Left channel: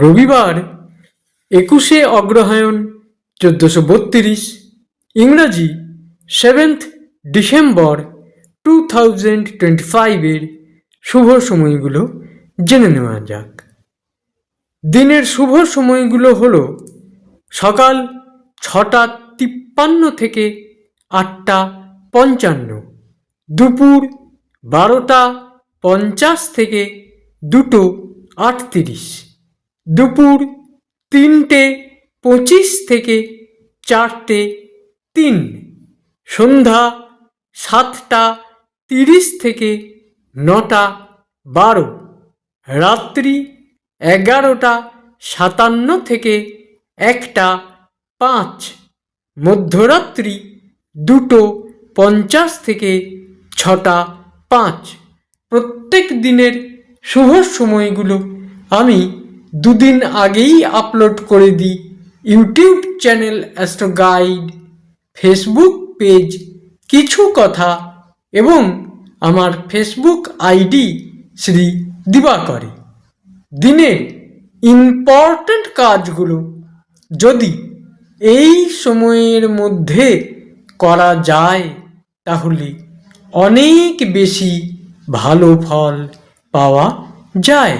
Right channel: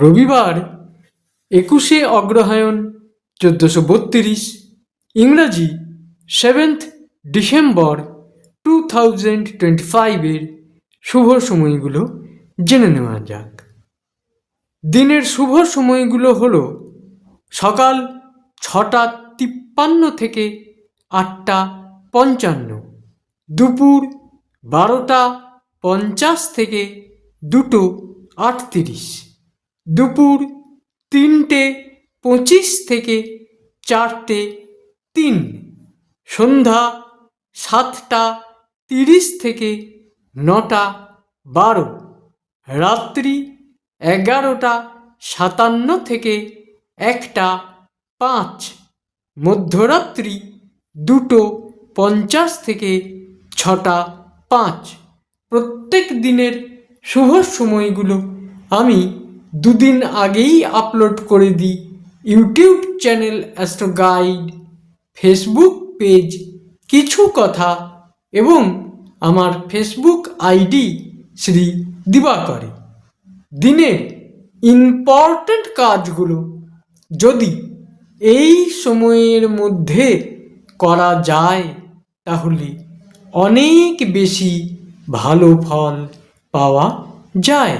রবিবার 21শে অগ্রহায়ণ 1432, ইংরাজি 7th December 2025 শুভ সময়গুলো জেনে নেওয়া যাক। দিনের শুভ সময়গুলো হলো সকাল 6:53 থেকে 8:55, দুপুর 12:50 থেকে 2:38, দুপুর 3:25 থেকে 4:03, সন্ধ্যা 7:30 থেকে 9:12, রাত্রি 11:57 থেকে 1:05, মধ্যরাত্রি 2:50 থেকে 6:05। প্রত্যেক দিনের শুভ সময়গুলো আমি দুদিন আগেই আপলোড করে দিই YouTube channel astro guide, Facebook page কিছু কথা এবং আমার ফেসবুক আইডি শ্রী দিবাকরে। দিনের ইম্পর্ট্যান্ট কাজগুলো যদি এই সময়ের মধ্যে করা যায় তাহলে অনেক বেশি ভালো ফল পাওয়া যায়।